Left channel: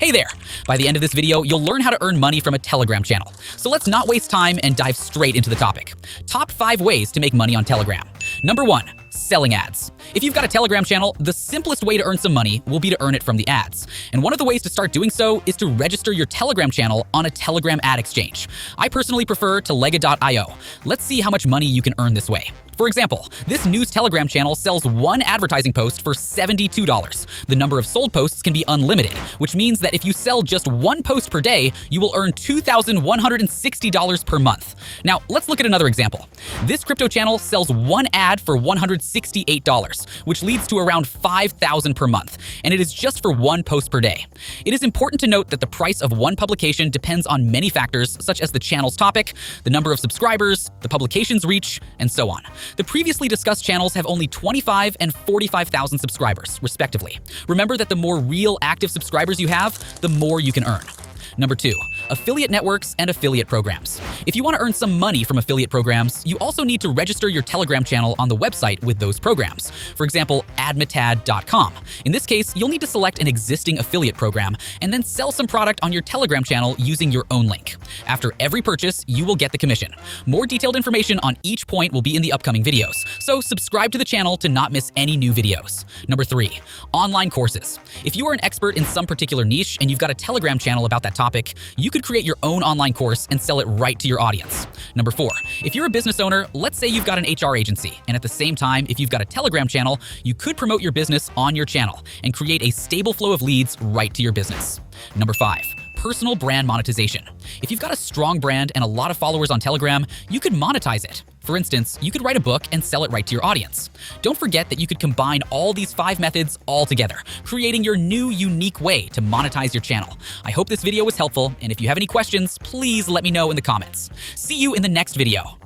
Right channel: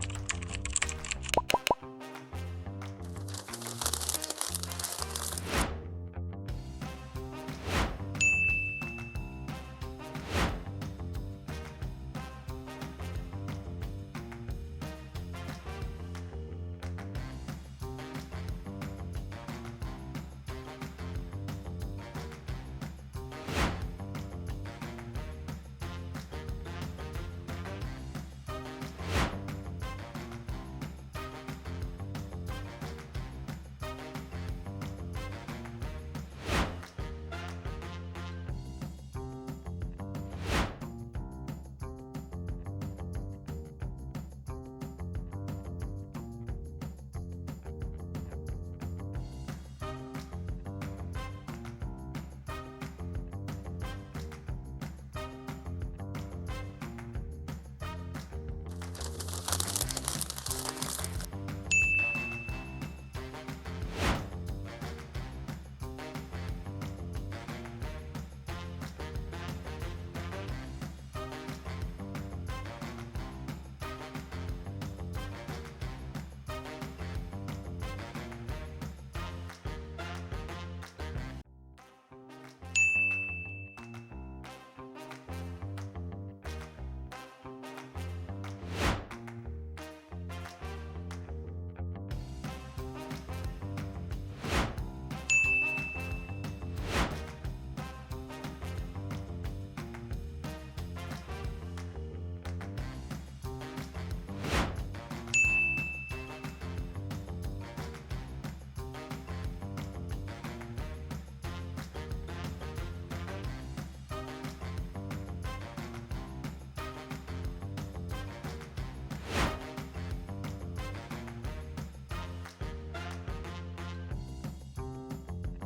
Hey there! By the end of this video, you'll learn how to earn money from a Telegram channel. So let's not waste time and dive straight into the topic. Top 5 ways to make money on Telegram. Number 1. Selling ads. If you've got a Telegram channel, the simplest way to earn some money will be to earn it from the ads. And one of the ways to start doing so is to register your Telegram channel on a Telegram ad exchange. I personally prefer Telega.io. Let's see how much money you can earn this way. For example, this news Telegram channel sells one advertising post for $72. The number of sold posts can be unlimited, which means that if you sell just one post per day, you will earn $2,160 per month. Now, let's look at another example. This crypto channel sells one ad for $168, which leads to around $5,000 per month, and it is just for one post per day. It is important to note that the price of one publication depends on many factors, such as the channel's topic, the number of subscribers, the publication's reach, and so on. The previously discussed channels have only 25 and 45,000 subscribers, respectively. Remember that the more real active subscribers you have, the more you can earn. Number 2. Affiliate networks and affiliate programs. If you want to earn some money from affiliate programs, you also need to register your Telegram channel on the website with those programs. For example, admitad.com. In this case, you'll need to select an existing affiliate program and then sell some product on your Telegram channel using your own link. After every purchase, you will get the commission. More detailed information on each point will be in the upcoming videos, so subscribe to the channel to not miss any new videos. Number 3. Online courses. If you are an expert in some particular niche and you've got a Telegram channel about that topic, you could create your own online course and sell it right to your audience. Number 4. If you're a business owner, let's say you've got an HR agency, and at the same time, if you've got a Telegram channel, you could promote your business on your channel and create a stable flow of leads right to your business. Number 5. Personal brand monetization. If you've got a strong brand and a lot of followers on Telegram, you could monetize it. For instance, you could write a book and sell it right to your audience. Don't forget that you could combine all these 5 methods all together, creating your new unique way to monetize your channel. I hope this video was helpful, and if you have any questions, please let me know in the comments. See you in the next video.